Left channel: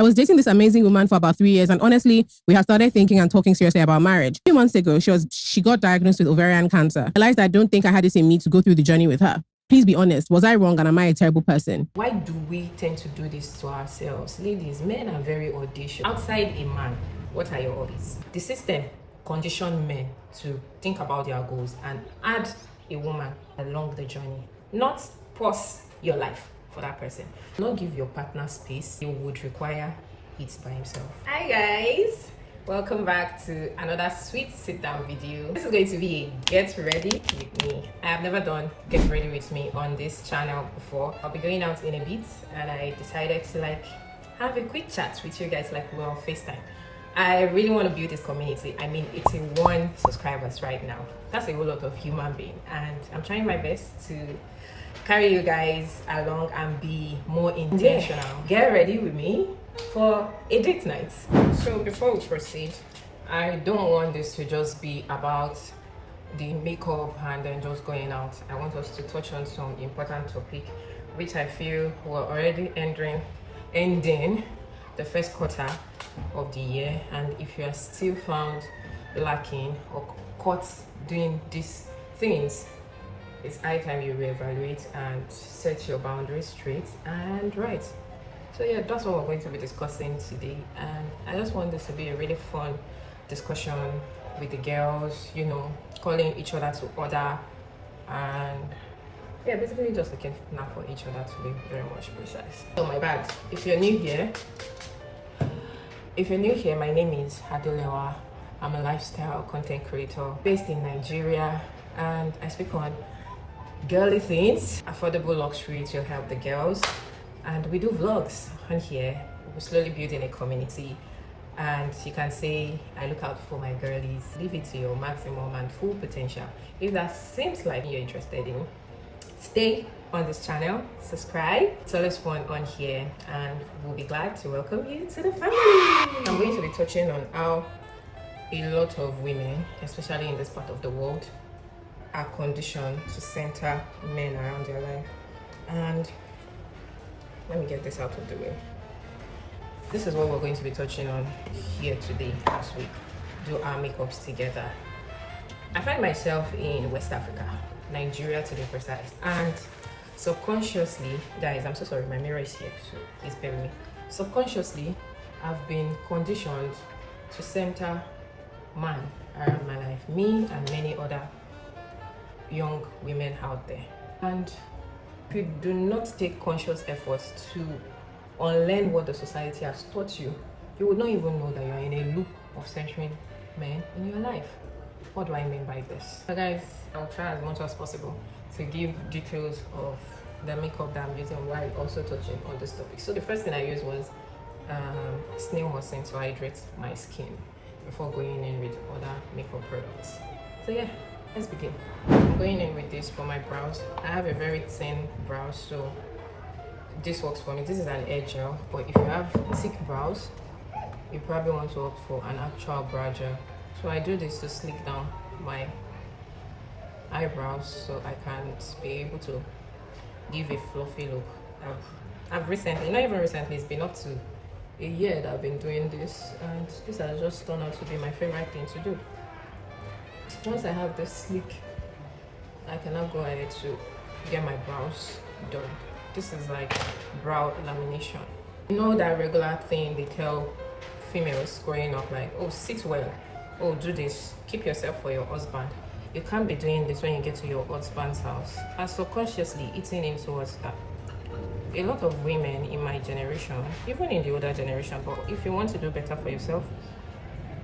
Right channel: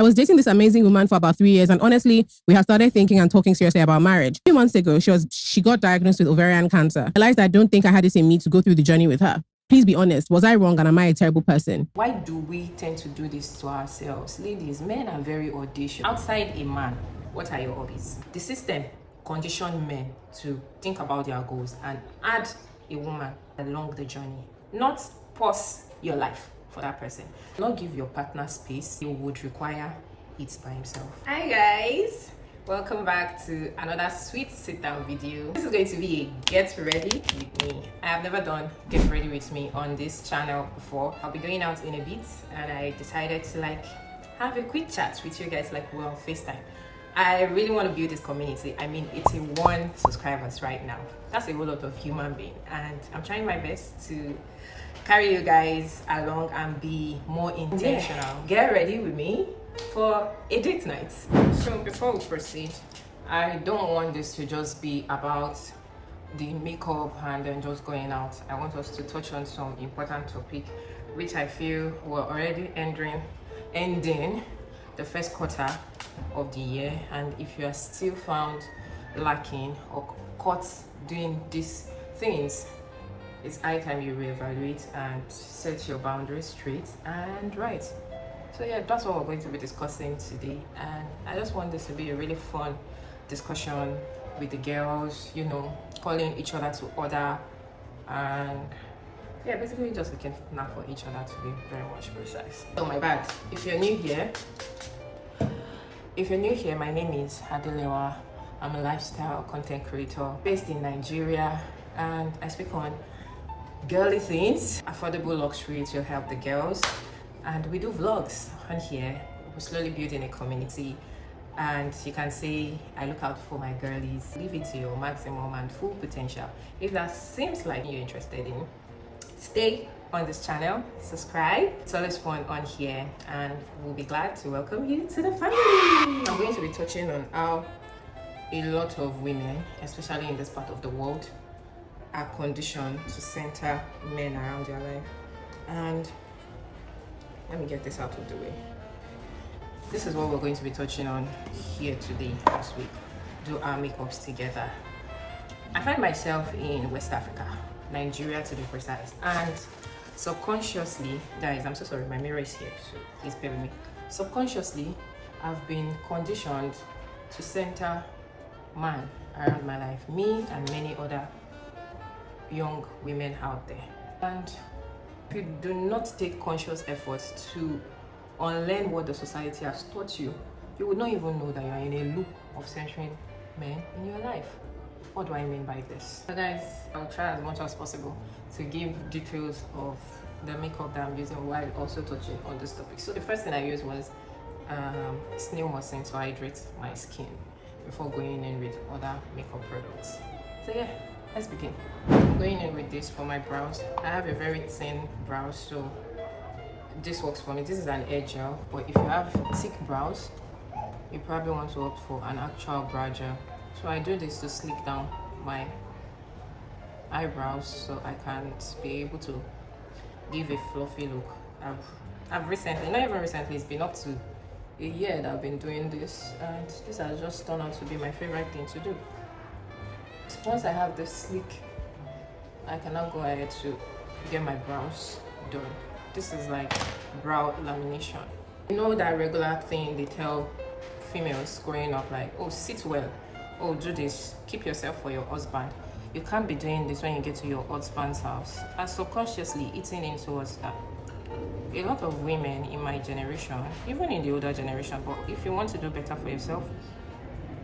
I was dating this amazing woman for about 3 years, and honestly, we had started thinking and talking seriously about marriage. A few months ago, she got diagnosed with ovarian cancer. I realized I don't think I had this in me to go through the journey with her. Please be honest, was I wrong and am I a terrible person? Why do we tend to do this to ourselves? Ladies, men are very audacious. Outside a man, what are your hobbies? The system conditioned men to think about their goals and add a woman along the journey, not pause your life for that person. Not give your partner space. He would require it by himself. Hi guys, welcome back to another sweet sit down video. This is going to be a get ready with me. I have never done get ready with me on this channel before. I'll be going out in a bit and I decided to have a quick chat with you guys like we're on FaceTime. I really want to build this community. I mean, it's 1 subscribers right now. That's a whole lot of human being, and I'm trying my best to carry you guys along and be more intentional. Get ready with me for a date night. So before we proceed, I don't want this to just be about the makeup and then just going out. I want us to touch on some important topic which I feel we're already ending the first quarter of the year, and if you are still found lacking or caught doing these things, it's high time you reevaluate and set your boundaries straight and right. So yeah, that's what we're going to be discussing today, and I just want this to be a really fun discussion with the girls, you know, calling each other to order, and yeah, basically just looking now for each other to be very much precise. So my bad, if you're new here, my name is Adelewa. I'm a lifestyle content creator based in Nigeria, and I speak on girly things, affordable luxury to help the girls, and we do vlogs on here. We're slowly building a community, and you can say I look out for my girlies. Live it to your maximum and full potential. If that seems like you're interested in, stay on this channel, subscribe. It's always fun on here, and we'll be glad to welcome you to the family. I'm going to be touching on how a lot of women, especially in this part of the world, are conditioned to center men around their life. And let me get this out of the way. This is what we're going to be touching on here today as we do our makeups together. I find myself in West Africa, Nigeria to be precise, and subconsciously, guys, I'm so sorry, my mirror is here, so please bear with me. Subconsciously, I've been conditioned to center man around my life, me and many other young women out there. And if you do not take conscious efforts to unlearn what the society has taught you, you would not even know that you are in a loop of centering men in your life. What do I mean by this? So guys, I'll try as much as possible to give details of the makeup that I'm using while also touching on this topic. So the first thing I used was snail mucin to hydrate my skin before going in with other makeup products. So yeah, let's begin. Going in with this for my brows. I have a very thin brow, so this works for me. This is an air gel, but if you have thick brows, you probably want to opt for an actual brow gel. So I do this to slick down my eyebrows so I can be able to give a fluffy look. I've recently, not even recently, it's been up to a year that I've been doing this, and this has just turned out to be my favorite thing to do. Once I have this slick, I can now go ahead to get my brows done. This is like brow lamination. You know that regular thing they tell females growing up, like, oh, sit well, oh, do this, keep yourself for your husband. You can't be doing this when you get to your husband's house. And subconsciously eating in towards that. A lot of women in my generation, even in the older generation, but if you want to do better for yourself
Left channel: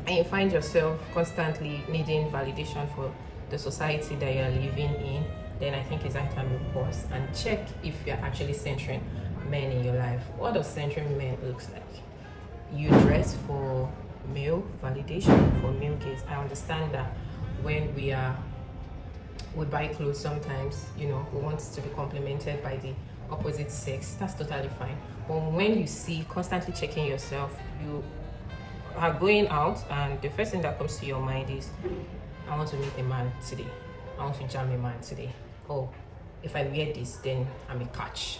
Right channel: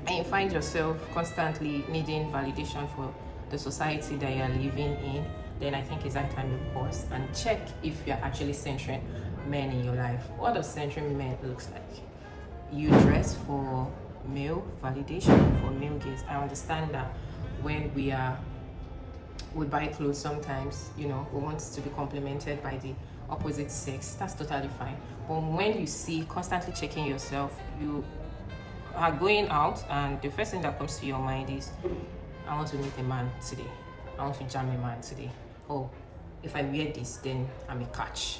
and you find yourself constantly needing validation for the society that you're living in, then I think it's high time you pause and check if you're actually centering men in your life. What does centering men looks like? You dress for male validation, for male gaze. I understand that when we buy clothes, sometimes, you know, we want to be complimented by the opposite sex. That's totally fine. But when you see constantly checking yourself, you are going out and the first thing that comes to your mind is, I want to meet a man today, I want to jam a man today, oh, if I wear this then I'm a catch.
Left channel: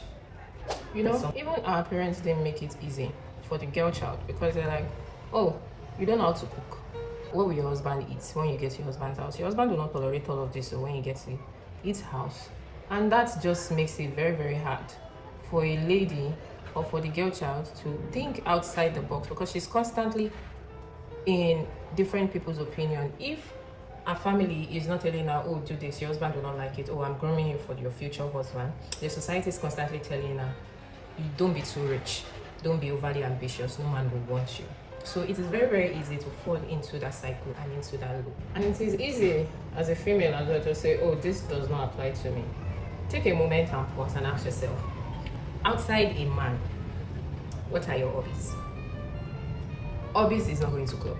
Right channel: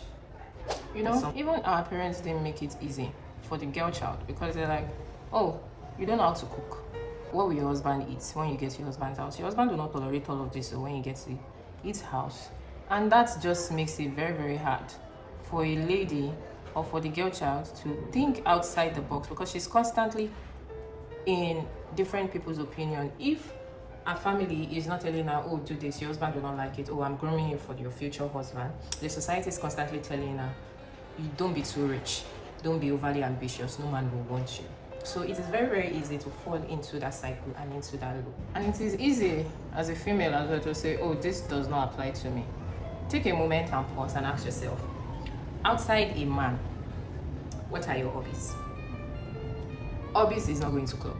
You know, even our parents didn't make it easy for the girl child, because they're like, oh, you don't know how to cook. What will your husband eat when you get to your husband's house? Your husband will not tolerate all of this, so when you get to his house. And that just makes it very, very hard for a lady or for the girl child to think outside the box, because she's constantly in different people's opinion. If a family is not telling her, oh, do this, your husband will not like it, oh, I'm grooming you for your future husband, the society is constantly telling her, you don't be too rich, don't be overly ambitious, no man will want you. So it is very, very easy to fall into that cycle and into that loop. And it is easy as a female as well to say, oh, this does not apply to me. Take a moment and pause and ask yourself, outside a man, what are your hobbies? Hobbies is not going to club.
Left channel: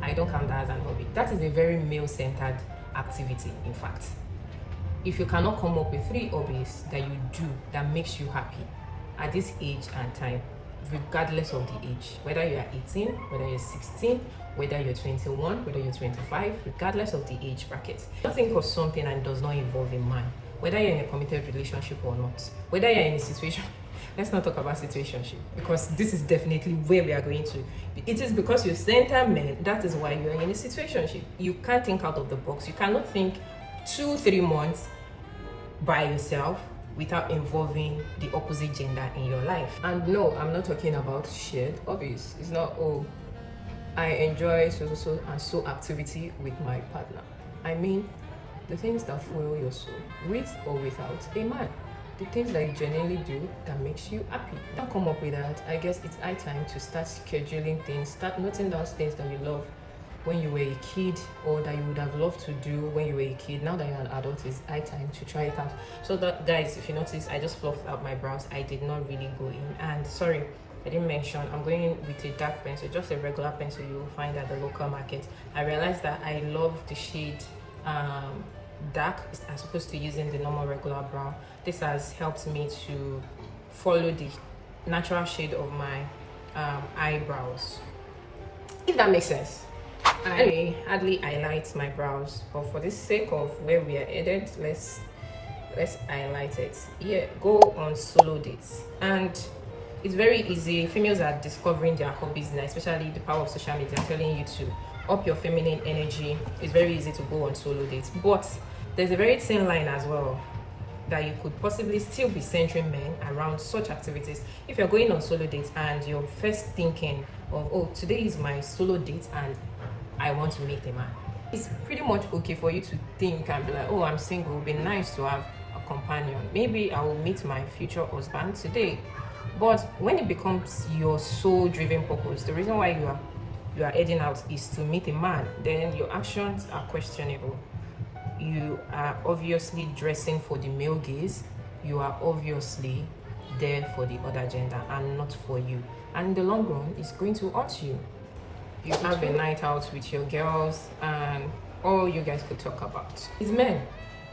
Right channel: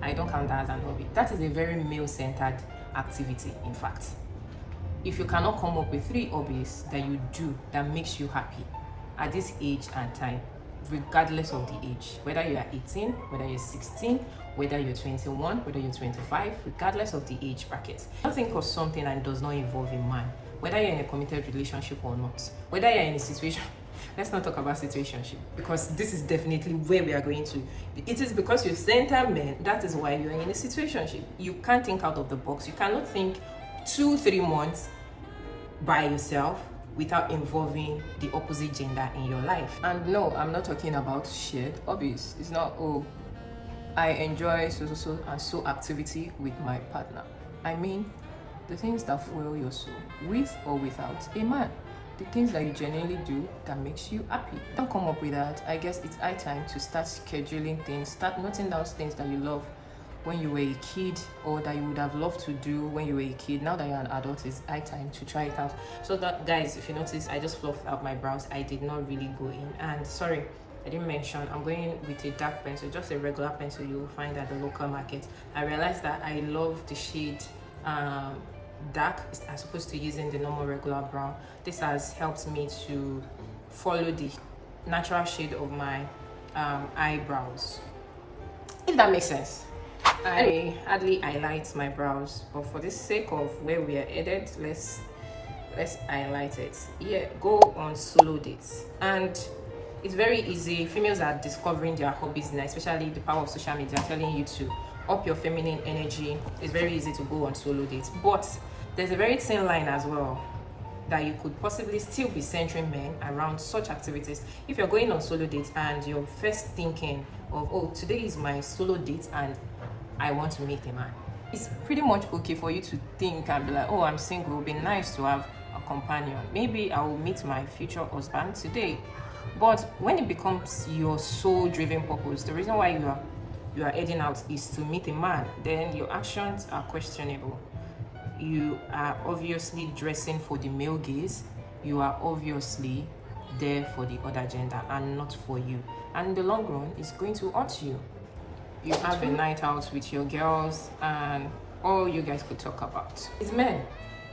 I don't count that as an hobby. That is a very male-centered activity, in fact. If you cannot come up with 3 hobbies that you do that makes you happy at this age and time, regardless of the age, whether you are 18, whether you're 16, whether you're 21, whether you're 25, regardless of the age bracket, don't think of something and does not involve a man, whether you're in a committed relationship or not, whether you're in a situation. Let's not talk about situationship, because this is definitely where we are going to. It is because you center men, that is why you're in a situationship. You can't think out of the box. You cannot think 2-3 months by yourself without involving the opposite gender in your life. And no, I'm not talking about shared hobbies. It's not, oh, I enjoy so and so activity with my partner. I mean, the things that fuel your soul, with or without a man. The things that you genuinely do that makes you happy. Don't come up with that. I guess it's high time to start scheduling things, start noting down things that you love when you were a kid, or that you would have loved to do when you were a kid. Now that you're an adult, it's high time to try it out. So that, guys, if you notice, I just fluffed out my brows. I did not really go in. And sorry, I didn't mention, I'm going in with a dark pencil, just a regular pencil you will find at the local market. I realized that I love the shade dark as opposed to using the normal regular brown. This has helped me to follow the natural shade of my eyebrows, if that makes sense. I hardly highlight my brows, but for the sake of where we are headed, let's highlight it. Yeah, go on solo dates, and it's very easy. Females are discovering their hobbies now, especially the power of social media telling you to up your feminine energy. It's very easy to go on solo dates, but there's a very thin line as well that you could possibly still be centering men around such activities. If you're going on solo dates and you're first thinking of, oh, today is my solo date and I want to meet a man, it's pretty much okay for you to think and be like, oh, I'm single, it would be nice to have a companion. Maybe I will meet my future husband today. But when it becomes your sole driven purpose, the reason why you are heading out is to meet a man, then your actions are questionable. You are obviously dressing for the male gaze. You are obviously there for the other gender and not for you. And in the long run, it's going to hurt you. You have a night out with your girls and all you guys could talk about is men.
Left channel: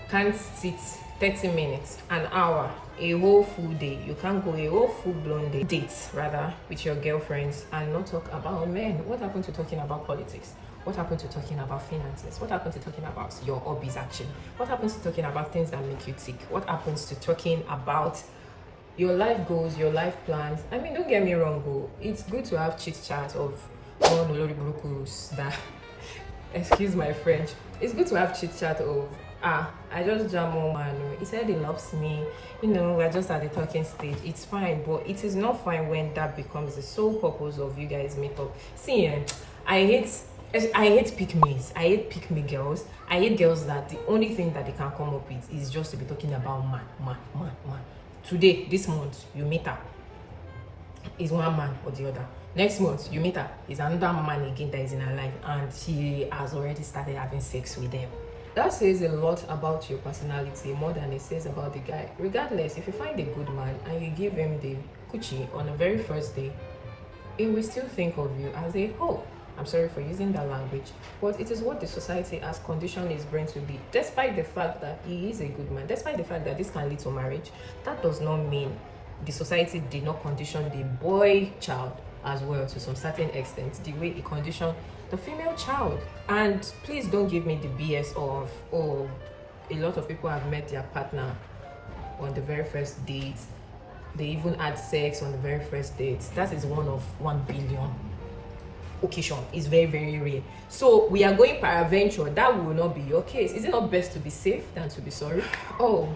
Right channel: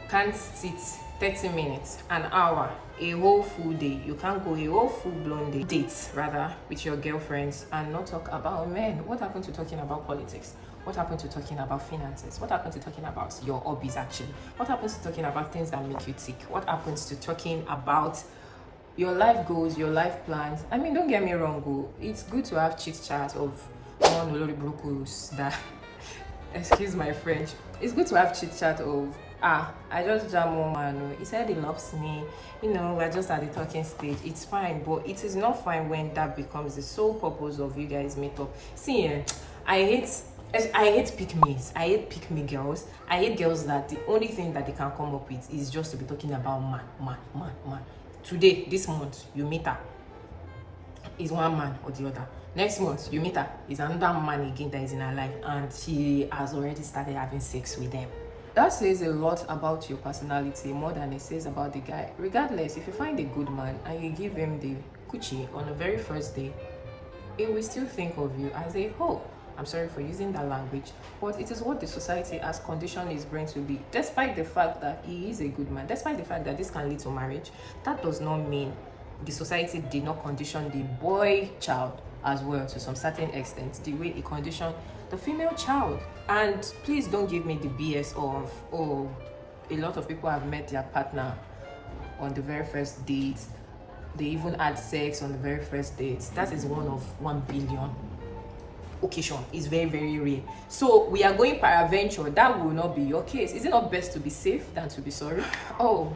Can't sit 30 minutes, an hour, a whole full day. You can't go a whole full-blown date rather with your girlfriends and not talk about men. What happened to talking about politics? What happened to talking about finances? What happened to talking about your hobbies actually? What happens to talking about things that make you tick? What happens to talking about your life goals, your life plans? I mean, don't get me wrong, it's good to have chit chat of that excuse my French. It's good to have chit chat of I just jam one man, he said he loves me, we're just at the talking stage. It's fine, but it is not fine when that becomes the sole purpose of you guys meet up. See, I hate pick-me's. I hate pick-me girls. I hate girls that the only thing that they can come up with is just to be talking about man. Today, this month, you meet her, is one man or the other. Next month, you meet her, is another man again that is in her life, and she has already started having sex with them. That says a lot about your personality, more than it says about the guy. Regardless, if you find a good man and you give him the coochie on the very first day, he will still think of you as a hoe. I'm sorry for using that language, but it is what the society has conditioned his brain to be. Despite the fact that he is a good man, despite the fact that this can lead to marriage, that does not mean the society did not condition the boy child as well to some certain extent, the way it conditioned the female child. And please don't give me the BS of, oh, a lot of people have met their partner on the very first date. they even had sex on the very first date. That is one of 1 billion occasion. Is very, very rare. So we are going peradventure. That will not be your case. Is it not best to be safe than to be sorry? Oh,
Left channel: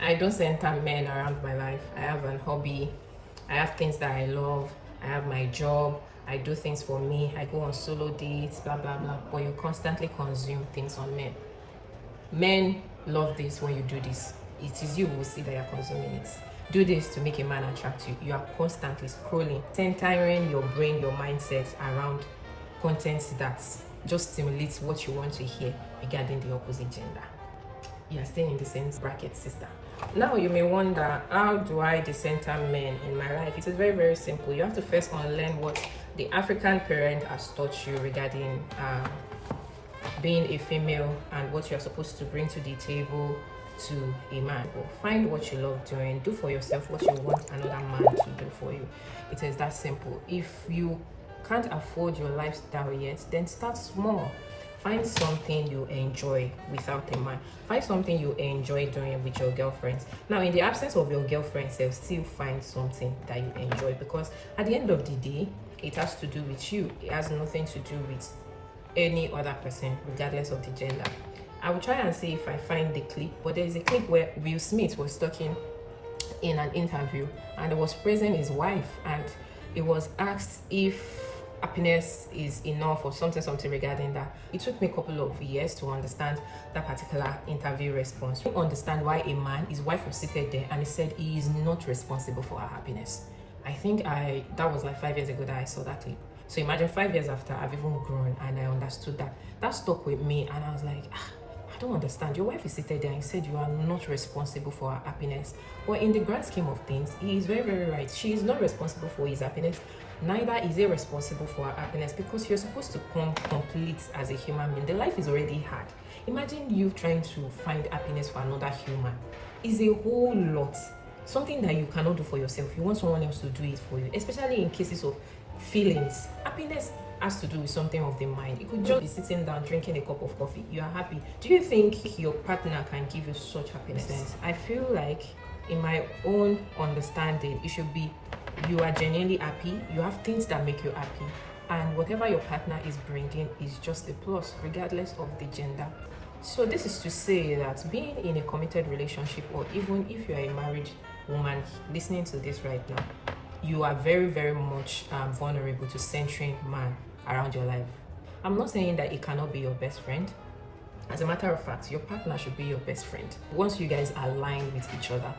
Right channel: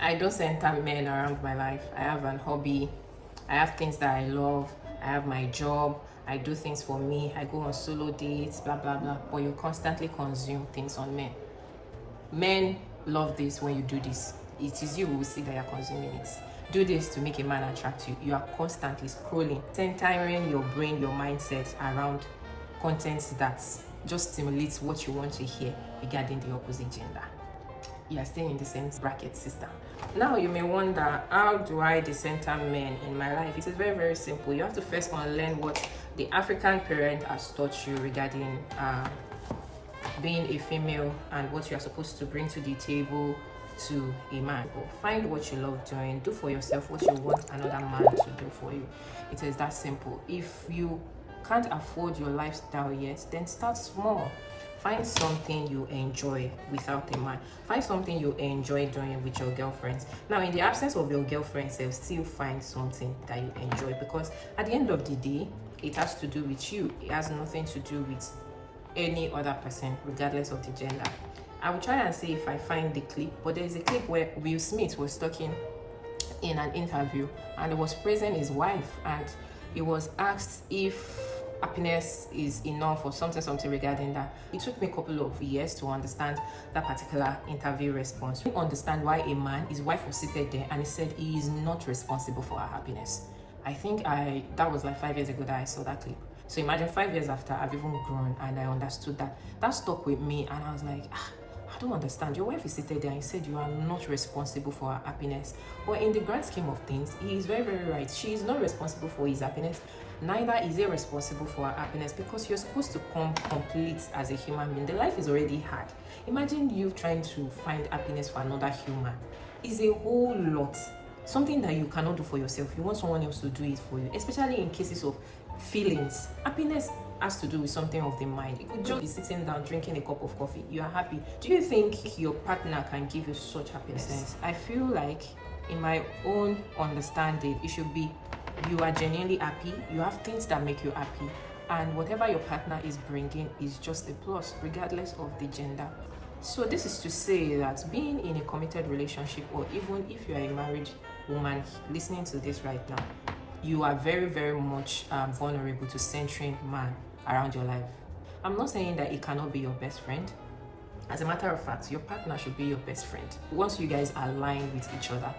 I don't center men around my life. I have an hobby. I have things that I love. I have my job. I do things for me. I go on solo dates, blah, blah, blah. But you constantly consume things on men. Men love this when you do this. It is you who will see that you're consuming it. Do this to make a man attract you. You are constantly scrolling, centering your brain, your mindset around content that just stimulates what you want to hear regarding the opposite gender. You are staying in the same bracket, sister. Now you may wonder, how do I decenter men in my life? It is very, very simple. You have to first unlearn what the African parent has taught you regarding being a female and what you're supposed to bring to the table to a man. Find what you love doing. Do for yourself what you want another man to do for you. It is that simple. If you can't afford your lifestyle yet, then start small. Find something you enjoy without a man. Find something you enjoy doing with your girlfriends. Now, in the absence of your girlfriends, they'll still find something that you enjoy, because at the end of the day, it has to do with you. It has nothing to do with any other person, regardless of the gender. I will try and see if I find the clip, but there is a clip where Will Smith was talking in an interview and he was praising his wife, and he was asked if happiness is enough or something regarding that. It took me a couple of years to understand that particular interview response. To understand why a man, his wife was seated there and he said he is not responsible for her happiness. I think that was like 5 years ago that I saw that clip. So imagine 5 years after, I've even grown and I understood that. That stuck with me, and I was like, I don't understand. Your wife is seated there and said you are not responsible for her happiness. But in the grand scheme of things, he is very, very right. She is not responsible for his happiness. Neither is he responsible for her happiness, because you're supposed to come complete as a human being. The life is already hard. Imagine you trying to find happiness for another human. It's a whole lot. Something that you cannot do for yourself. You want someone else to do it for you, especially in cases of feelings. Happiness has to do with something of the mind. You could just be sitting down drinking a cup of coffee. You are happy. Do you think your partner can give you such happiness? I feel like, in my own understanding, it should be you are genuinely happy, you have things that make you happy, and whatever your partner is bringing is just a plus, regardless of the gender. So this is to say that being in a committed relationship, or even if you are a married woman listening to this right now, you are very, very much vulnerable to centering man around your life. I'm not saying that it cannot be your best friend. As a matter of fact, your partner should be your best friend once you guys align with each other.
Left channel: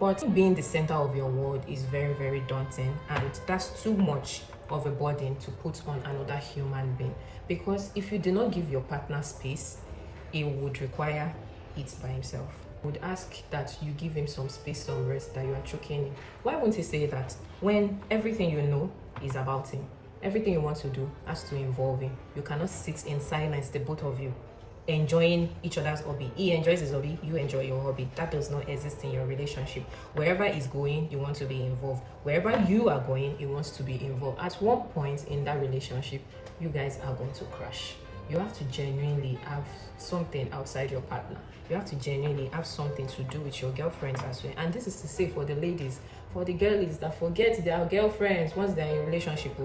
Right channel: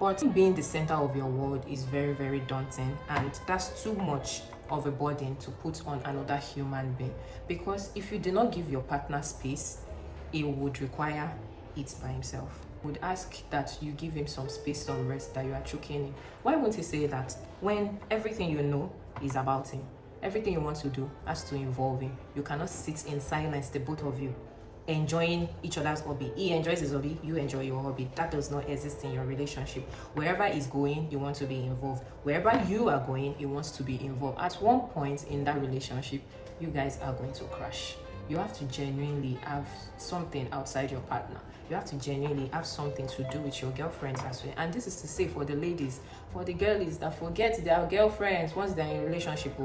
But being the center of your world is very, very daunting, and that's too much of a burden to put on another human being. Because if you do not give your partner space, he would require it by himself. Would ask that you give him some space, some rest, that you are choking him. Why won't he say that when everything you know is about him? Everything you want to do has to involve him. You cannot sit in silence, the both of you, enjoying each other's hobby. He enjoys his hobby, you enjoy your hobby. That does not exist in your relationship. Wherever he's going, you want to be involved. Wherever you are going, he wants to be involved. At one point in that relationship, you guys are going to crash. You have to genuinely have something outside your partner. You have to genuinely have something to do with your girlfriends as well. And this is to say for the ladies, for the girlies that forget their girlfriends once they're in a relationship.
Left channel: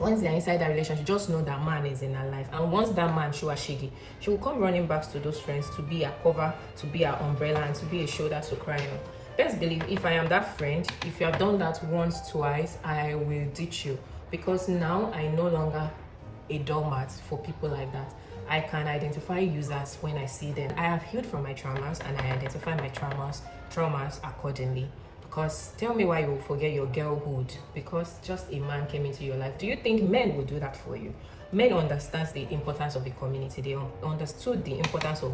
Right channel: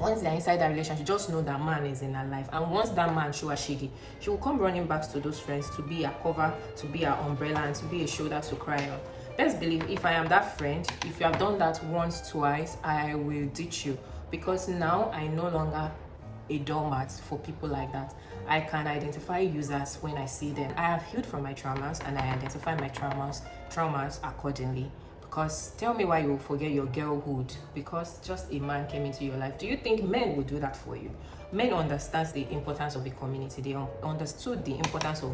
Once they're inside that relationship, just know that man is in her life. And once that man show her shiggy, she will come running back to those friends to be a cover, to be an umbrella, and to be a shoulder to cry on. Best believe, if I am that friend, if you have done that once, twice, I will ditch you. Because now I no longer a doormat for people like that. I can identify users when I see them. I have healed from my traumas, and I identify my traumas accordingly. Because tell me why you will forget your girlhood because just a man came into your life. Do you think men will do that for you? Men understand the importance of the community. They understood the importance of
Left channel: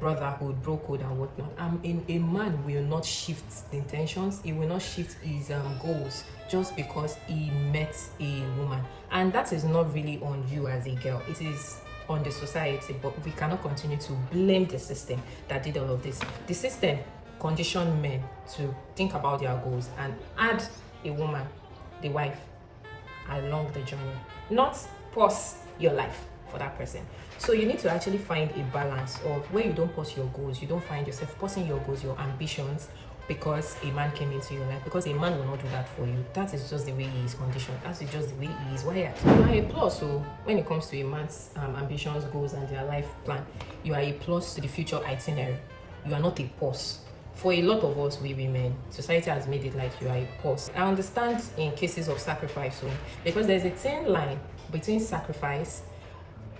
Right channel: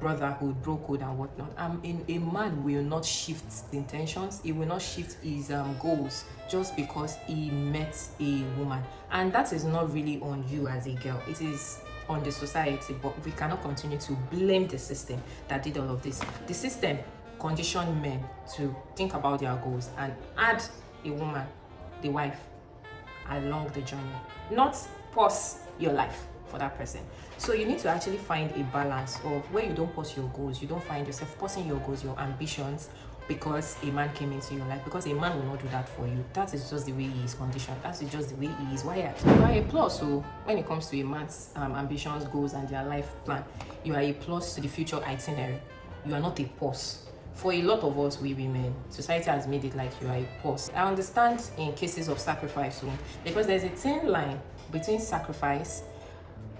brotherhood, bro code, and whatnot. A man will not shift intentions. He will not shift his goals just because he met a woman. And that is not really on you as a girl. It is on the society. But we cannot continue to blame the system that did all of this. The system condition men to think about their goals and add a woman, the wife, along the journey, not pause your life for that person. So you need to actually find a balance of where you don't pause your goals, you don't find yourself pausing your goals, your ambitions because a man came into your life, because a man will not do that for you. That is just the way he is conditioned. That is just the way he is wired. You are a plus. So when it comes to a man's ambitions, goals, and their life plan, you are a plus to the future itinerary. You are not a pause. For a lot of us, we women, society has made it like you are a pause. I understand in cases of sacrifice, because there's a thin line between sacrifice,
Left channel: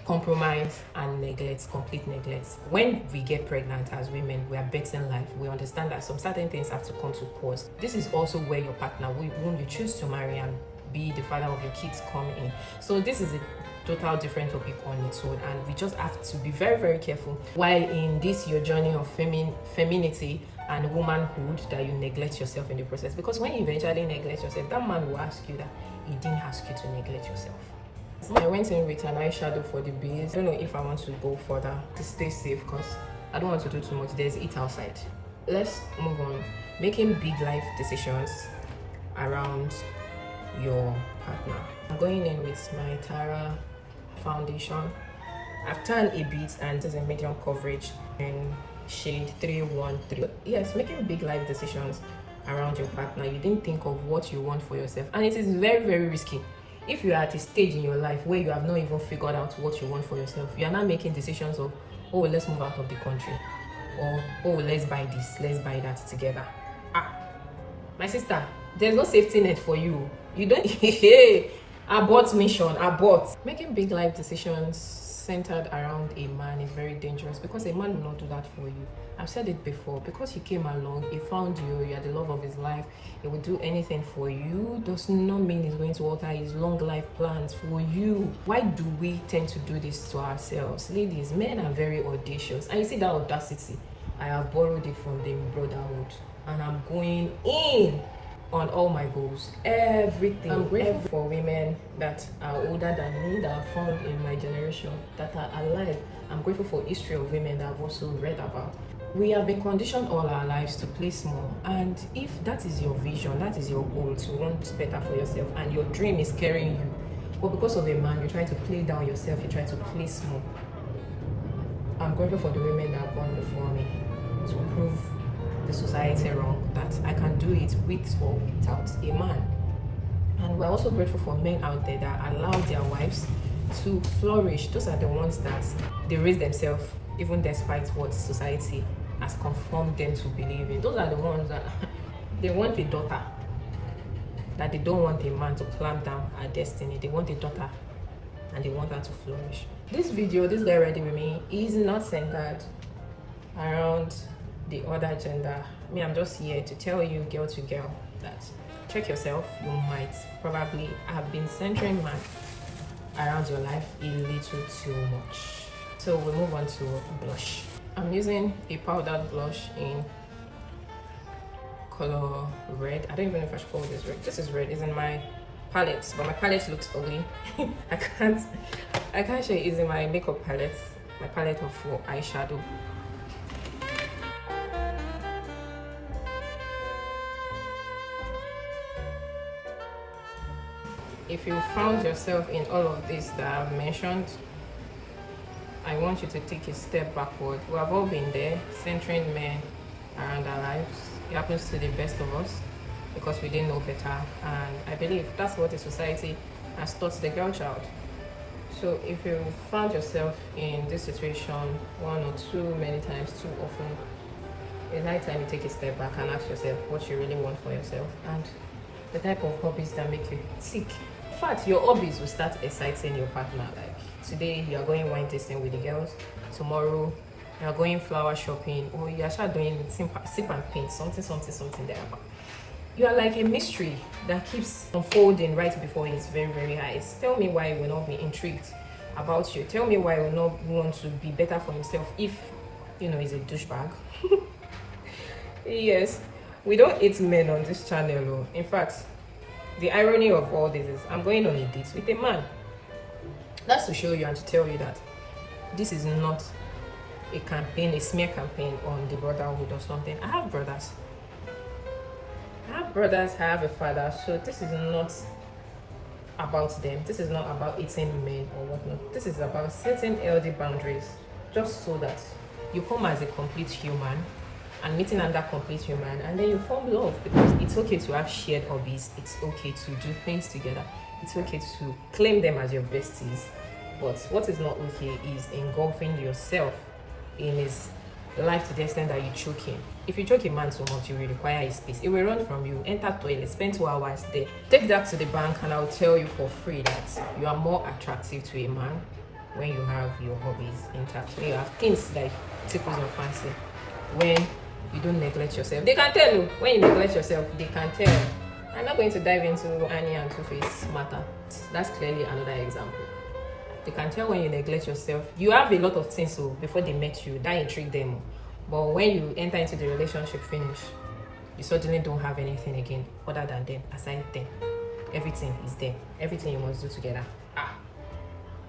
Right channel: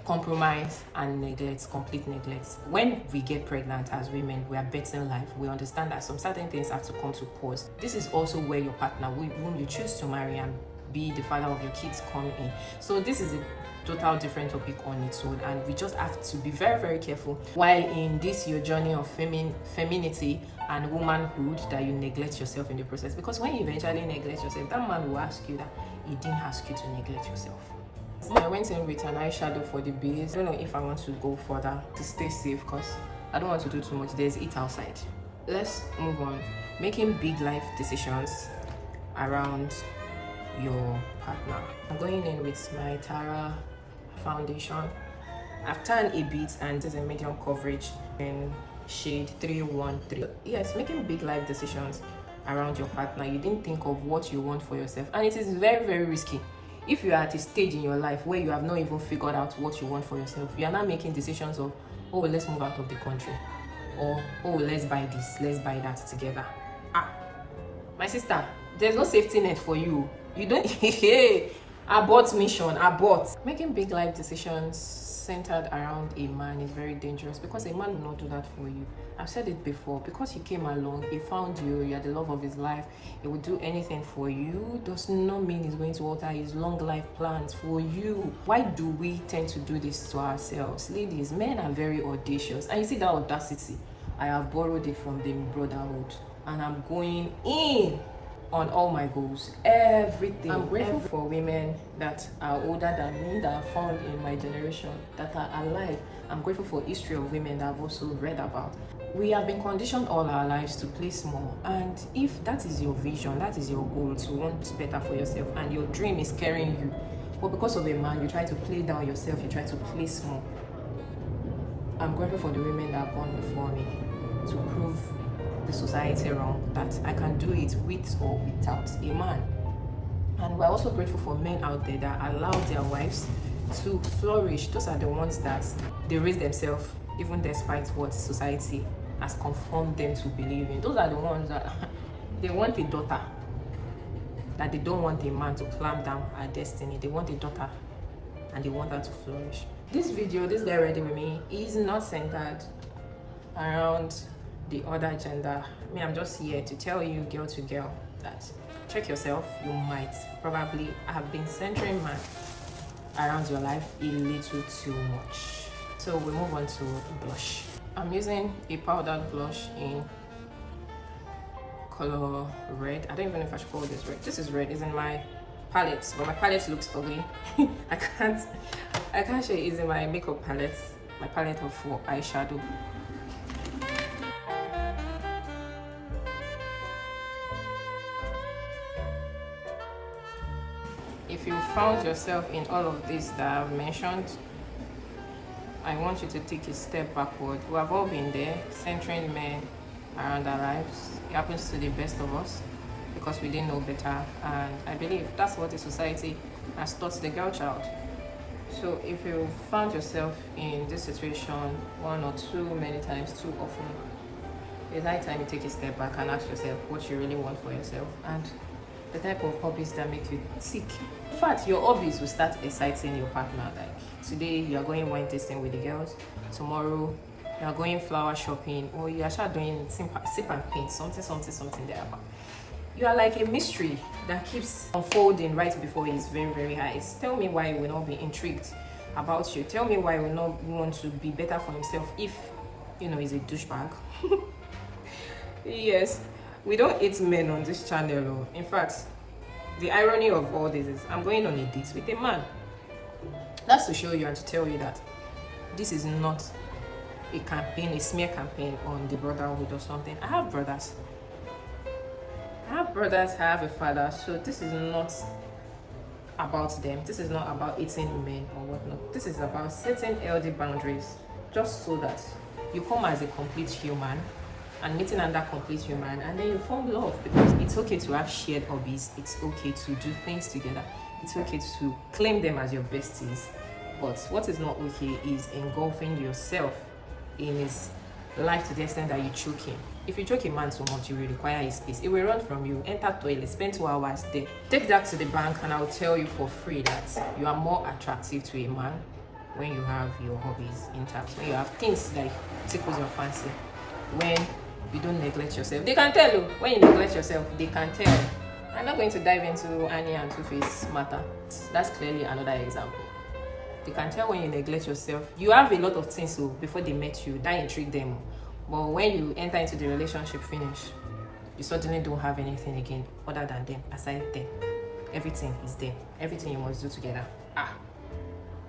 compromise, and neglect, complete neglect. When we get pregnant as women, we are betting life. We understand that some certain things have to come to pause. This is also where your partner, whom you choose to marry and be the father of your kids, come in. So this is a total different topic on its own, and we just have to be very, very careful while in this your journey of femininity and womanhood, that you neglect yourself in the process. Because when you eventually neglect yourself, that man will ask you that he didn't ask you to neglect yourself. I went in with an eyeshadow for the base. I don't know if I want to go further to stay safe, because I don't want to do too much. There's it outside. Let's move on. Making big life decisions around your partner. I'm going in with my Tara foundation. I've tanned a bit, and this is a medium coverage in shade 313. Yes, making big life decisions around your partner. You didn't think of what you want for yourself, and it is very, very risky. If you are at a stage in your life where you have not even figured out what you want for yourself, you are not making decisions of, oh, let's move out of the country, or oh, let's buy this, let's buy that together. My sister, there's no safety net for you. You don't abort mission, abort. Making big life decisions centered around a man is very dangerous, because a man will not do that for you. I've said it before. Because he came along, he found you, you are the love of his life, he will do anything for you, does not mean he's going to alter his long life plans for you. Why do we tend to do this to ourselves? Ladies, men are very audacious, and you see that audacity, I have borrowed it from the brotherhood, and I'm going in on all my goals, everything. I'm grateful for women that are older than me, that are found in my generation, that are alive. I'm grateful for history of women that I've also read about. We have been conditioned all our lives to play small, and if that is your vision, that is your goal, to want better for yourself, and your dream is carrying you, but because of a man, you try to play down yourself, you try to play small. I'm grateful for the women that are born before me to prove the society wrong, that I can do it with or without a man. And we're also grateful for men out there that allow their wives to flourish. Those are the ones that they raise themselves even despite what society has conformed them to believe in. Those are the ones that they want a daughter, that they don't want a man to clamp down her destiny. They want a daughter and they want her to flourish. This video, this Get Ready With Me, is not centered around the other gender. I mean, I'm just here to tell you, girl to girl, that check yourself. You might probably have been centering man around your life a little too much. So we move on to blush. I'm using a powdered blush in color red. I don't even know if I should call this red. This is red. It's in my palette, but my palette looks ugly. I can't show it. It's in my makeup palette, my palette for eyeshadow. If you found yourself in all of this that I've mentioned, I want you to take a step backward. We have all been there, centering men around our lives. It happens to the best of us because we didn't know better, and I believe that's what the society has taught the girl child. So if you found yourself in this situation one or too many times, too often, it's high time you take a step back and ask yourself what you really want for yourself, and the type of hobbies that make you tick. In fact, your hobbies will start exciting your partner. Like today, you are going wine tasting with the girls. Tomorrow, you are going flower shopping, or you are just doing sip and paint, something there. You are like a mystery that keeps unfolding right before his very, very eyes. Tell me why he will not be intrigued about you. Tell me why he will not want to be better for himself if, he's a douchebag. Yes, we don't hate men on this channel. In fact, the irony of all this is I'm going on a date with a man. That's to show you and to tell you that this is not a campaign, a smear campaign on the brotherhood or something. I have brothers. I have a father, so this is not about them. This is not about eating men or whatnot. This is about setting healthy boundaries, just so that you come as a complete human and meeting another complete human, and then you form love, because it's okay to have shared hobbies, it's okay to do things together, it's okay to claim them as your besties. But what is not okay is engulfing yourself in his life to the extent that you choke him. If you choke a man so much, you will require his space. He will run from you, enter toilet, spend 2 hours there. Take that to the bank and I'll tell you for free that you are more attractive to a man when you have your hobbies intact, when you have things like tickles your fancy, when you don't neglect yourself. They can tell you. When you neglect yourself, they can tell. I'm not going to dive into Annie and Two-Face matter. That's clearly another example. They can tell when you neglect yourself. You have a lot of things so before they met you that intrigue them. But when you enter into the relationship finish, you suddenly don't have anything again other than them, aside them. Everything is there. Everything you must do together.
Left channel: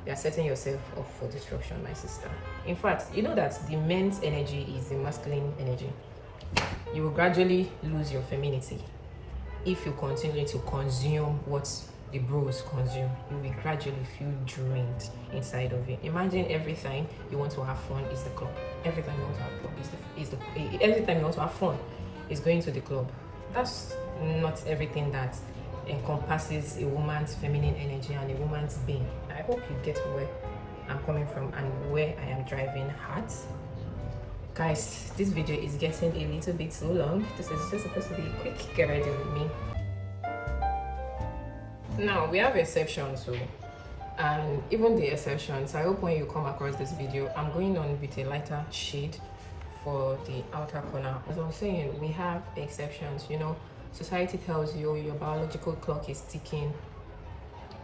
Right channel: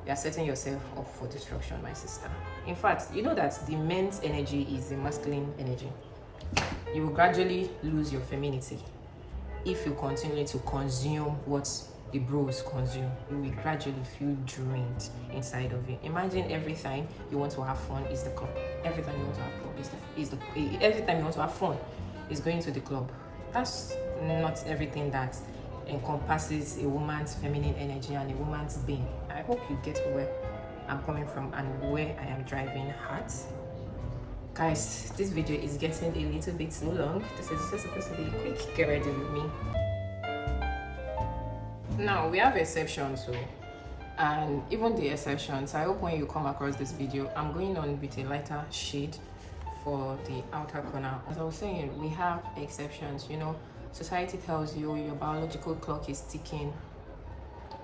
You are setting yourself up for destruction, my sister. In fact, you know that the men's energy is the masculine energy. You will gradually lose your femininity if you continue to consume what the bros consume. You will gradually feel drained inside of you. Imagine every time you want to have fun is the club. Every time you want to have fun every time you want to have fun is going to the club. That's not everything that encompasses a woman's feminine energy and a woman's being. I hope you get where I'm coming from and where I am driving at. Guys, this video is getting a little bit too long. This is just supposed to be quick. Get ready with me. Now, we have exceptions too. And even the exceptions, I hope when you come across this video, I'm going on with a lighter shade for the outer corner. As I was saying, we have exceptions. You know, society tells you your biological clock is ticking.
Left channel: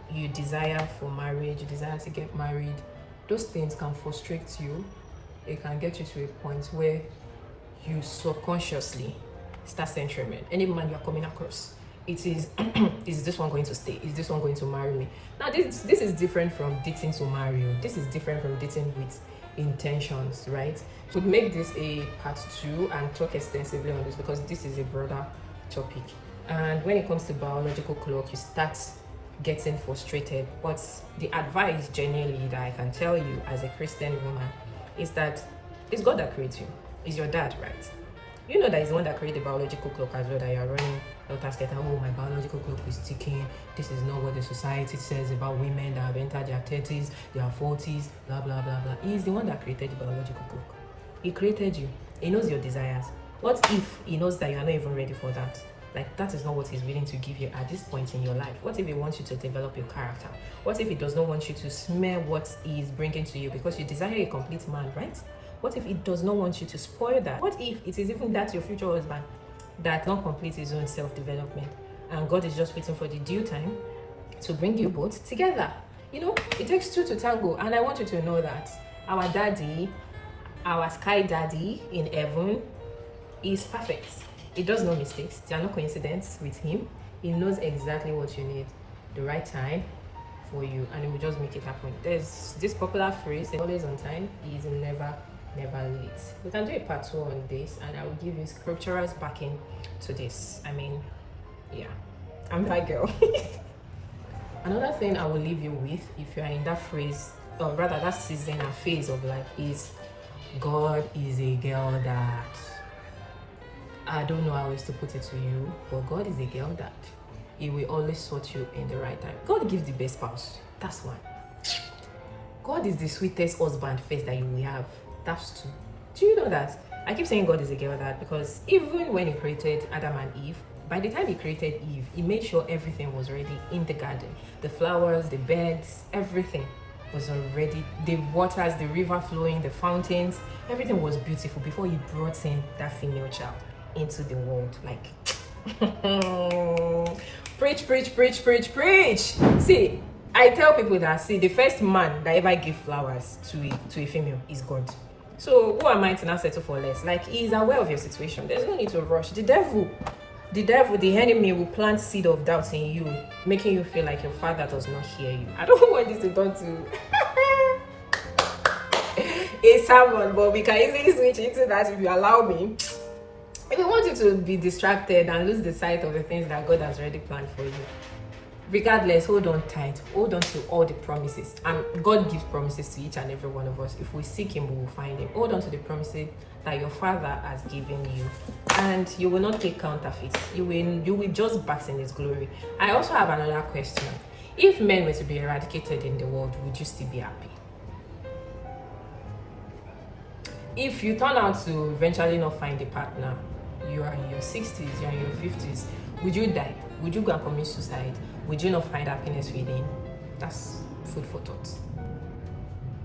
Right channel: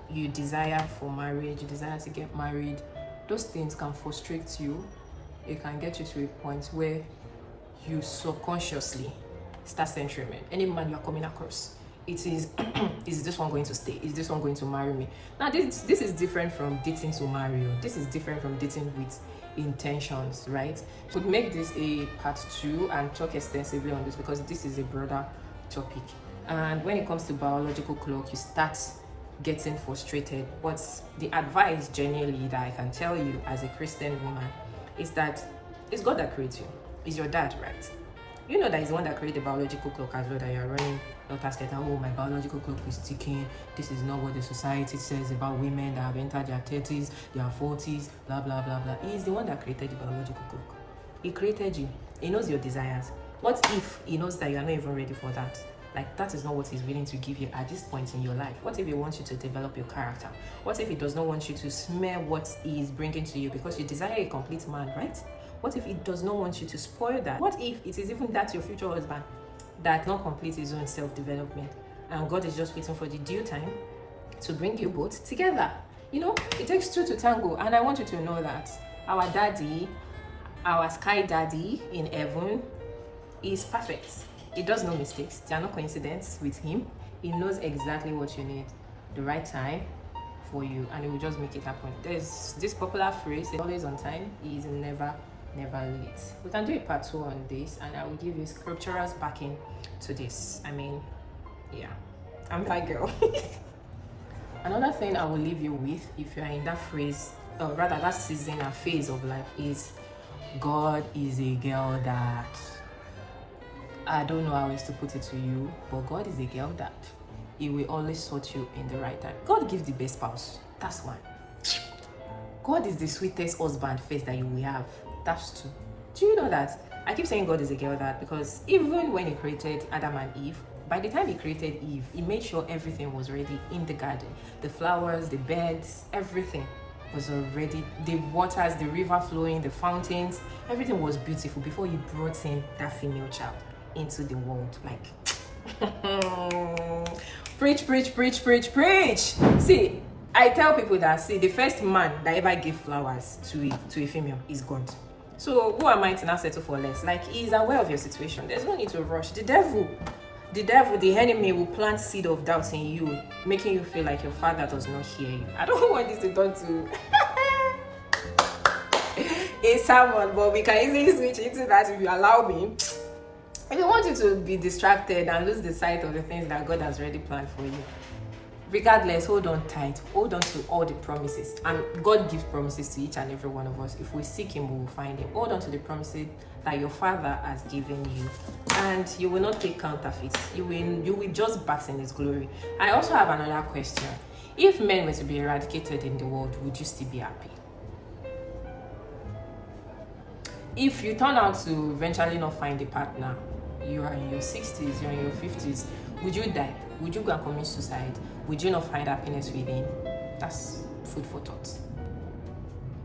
You desire for marriage, you desire to get married. Those things can frustrate you. It can get you to a point where you subconsciously start censoring men. Any man you are coming across, it is is this one going to stay? Is this one going to marry me? Now this is different from dating to marry you. This is different from dating with intentions, right? Could make this a part 2 and talk extensively on this, because this is a broader topic. And when it comes to biological clock, you start getting frustrated. But the advice generally that I can tell you as a Christian woman is that it's God that creates you. It's your dad, right? You know that he's the one that created the biological clock as well, that you're running doctors get, oh, my biological clock is ticking. This is not what the society says about women that have entered their 30s, their 40s, blah, blah, blah, blah. He's the one that created the biological clock. He created you. He knows your desires. What if he knows that you are not even ready for that? Like, that is not what he's willing to give you at this point in your life. What if he wants you to develop your character? What if he does not want you to smell what he is bringing to you, because you desire a complete man, right? What if he does not want you to spoil that? What if it is even that your future husband that not complete his own self-development, and God is just waiting for the due time to bring you both together? You know, it takes two to tango, and I want you to know that our daddy, our sky daddy in heaven, is perfect. He does no mistakes. There are no coincidences with him. He knows exactly what you need, the right time for you, and he will just make it happen. There's this popular phrase, always on time, he is never late. We can do a part 2 on this, and I will give you scriptural backing to this. I mean, yeah, I'm that girl. Another thing I will leave you with, if you are in that phrase, or rather that season or phase of life, is God is a girl that, I don't know how else to put it to you, but God is a girl that he will always sort you in the right time. God gives the best spouse. That's one. God is the sweetest husband first that you will have. That's 2. Do you know that? I keep saying God is a girl that because even when he created Adam and Eve, by the time he created Eve, he made sure everything was already in the garden. The flowers, the beds, everything was already, the waters, the river flowing, the fountains, everything was beautiful before he brought in that female child into the world. Like, preach, preach, preach, preach, preach. See, I tell people that, see, the first man that ever gave flowers to a female is God. So who am I to now settle for less? Like, he is aware of your situation. There's no need to rush. The devil, the enemy will plant seed of doubt in you, making you feel like your father does not hear you. I don't want this to turn to a sermon, but we can easily switch into that if you allow me. If you want you to be distracted and lose the sight of the things that God has already planned for you, Regardless, hold on tight, hold on to all the promises, and God gives promises to each and every one of us. If we seek him, we will find him. Hold on to the promises that your father has given you, and you will not take counterfeits. You will just bask in his glory. I also have another question. If men were to be eradicated in the world, would you still be happy? If you turn out to eventually not find a partner, you are in your 60s, you are in your 50s, would you die? Would you go and commit suicide? Would you not find happiness within? That's food for thought.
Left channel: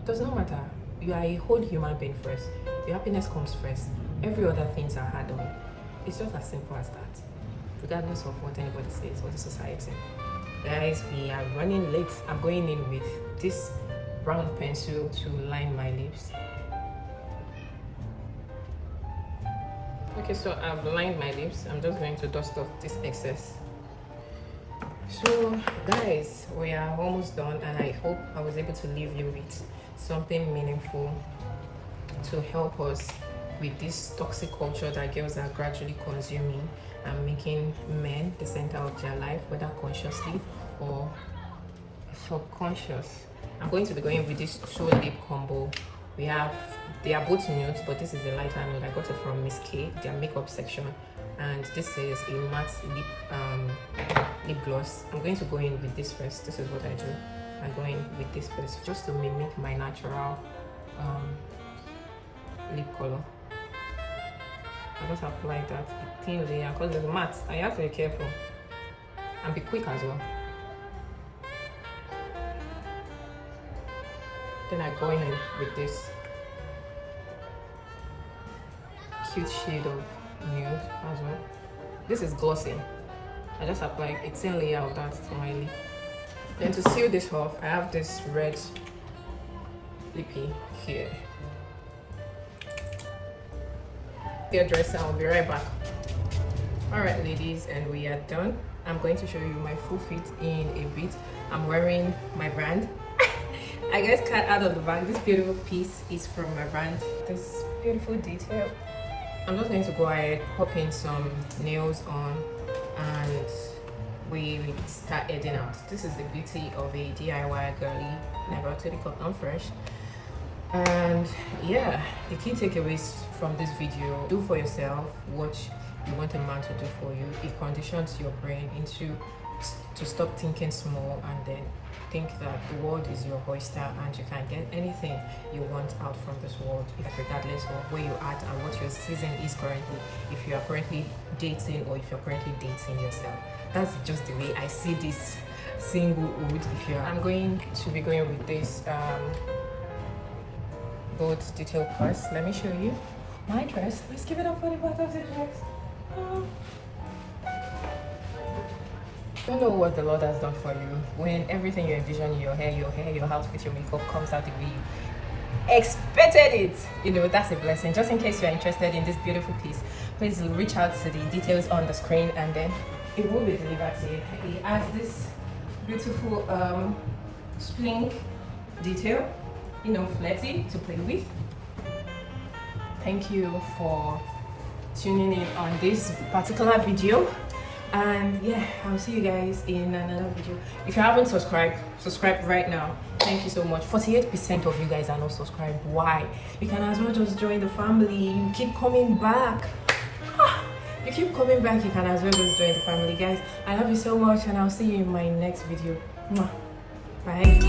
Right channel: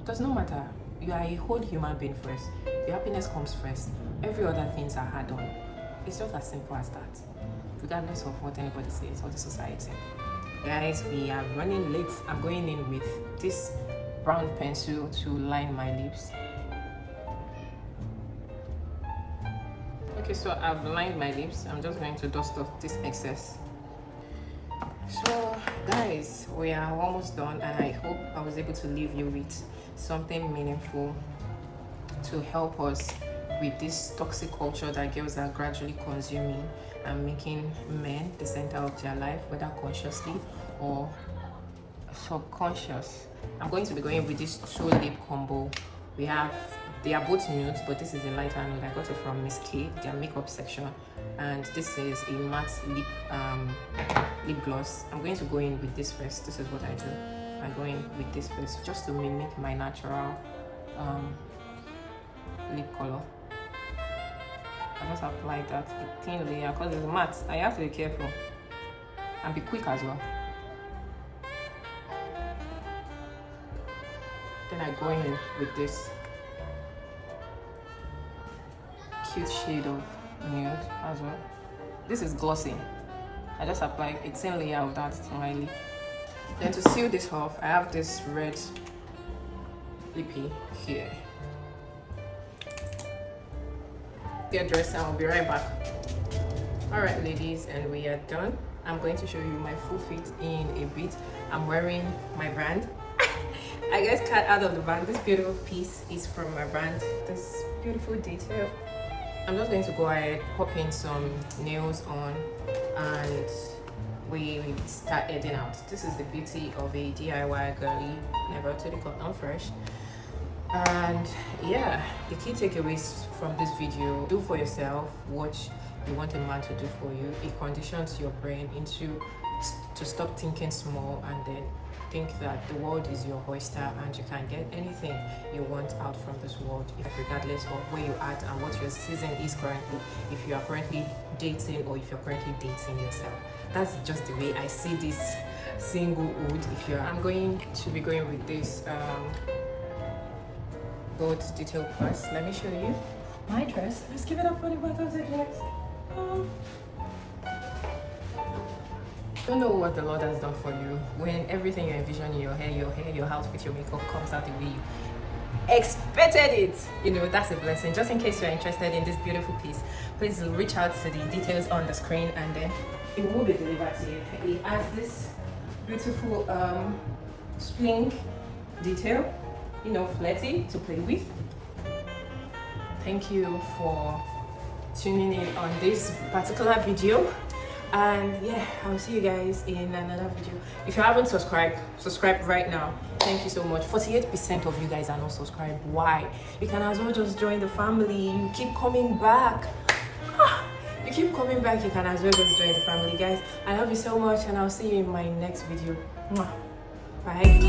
Because no matter, you are a whole human being first. Your happiness comes first. Every other things are hard on. It's just as simple as that. Regardless of what anybody says or the society. Guys, we are running late. I'm going in with this brown pencil to line my lips. Okay, so I've lined my lips. I'm just going to dust off this excess. So guys, we are almost done, and I hope I was able to leave you with something meaningful to help us with this toxic culture that girls are gradually consuming and making men the center of their life, whether consciously or subconscious. I'm going to be going with this 2 lip combo. They are both nudes, but this is a lighter nude. I got it from Miss K, their makeup section, and this is a matte lip gloss. I'm going to go in with this first. This is what I do. I'm going with this first just to mimic my natural lip color. I just apply that thin layer because it's matte. I have to be careful and be quick as well. Then I go in with this cute shade of nude as well. This is glossing. I just apply a thin layer of that to my lip. Then to seal this off, I have this red lippy here. Dear dresser, I'll be right back. Alright ladies, and we are done. I'm going to show you my full fit in a bit. I'm wearing my brand. I guess cut out of the bag. This beautiful piece is from my brand. This beautiful detail. I'm just going to go ahead, pop in some nails on, and we start heading out. This is the beauty of a DIY girly, never totally cotton fresh. And yeah, the key takeaways from this video: do for yourself what you want a man to do for you. It conditions your brain to stop thinking small and then think that the world is your oyster and you can get anything you want out from this world, regardless of where you're at and what your season is currently. If you are currently dating or if you're currently dating yourself, that's just the way I see this singlehood. I'm going to be going with this gold detail purse. Let me show you my dress. Let's give it up for the back of the dress. Don't know what the Lord has done for you when everything you envision, your hair, your outfit, your makeup comes out the way you expected it. You know, that's a blessing. Just in case you're interested in this beautiful piece, please reach out to the details on the screen and then it will be delivered to you. It has this beautiful spring detail, you know, flirty to play with. Thank you for tuning in on this particular video. And yeah, I'll see you guys in another video. If you haven't subscribed, subscribe right now. Thank you so much. 48% of you guys are not subscribed. Why? You can as well just join the family. You keep coming back. You keep coming back. You can as well just join the family, guys. I love you so much, and I'll see you in my next video. Bye.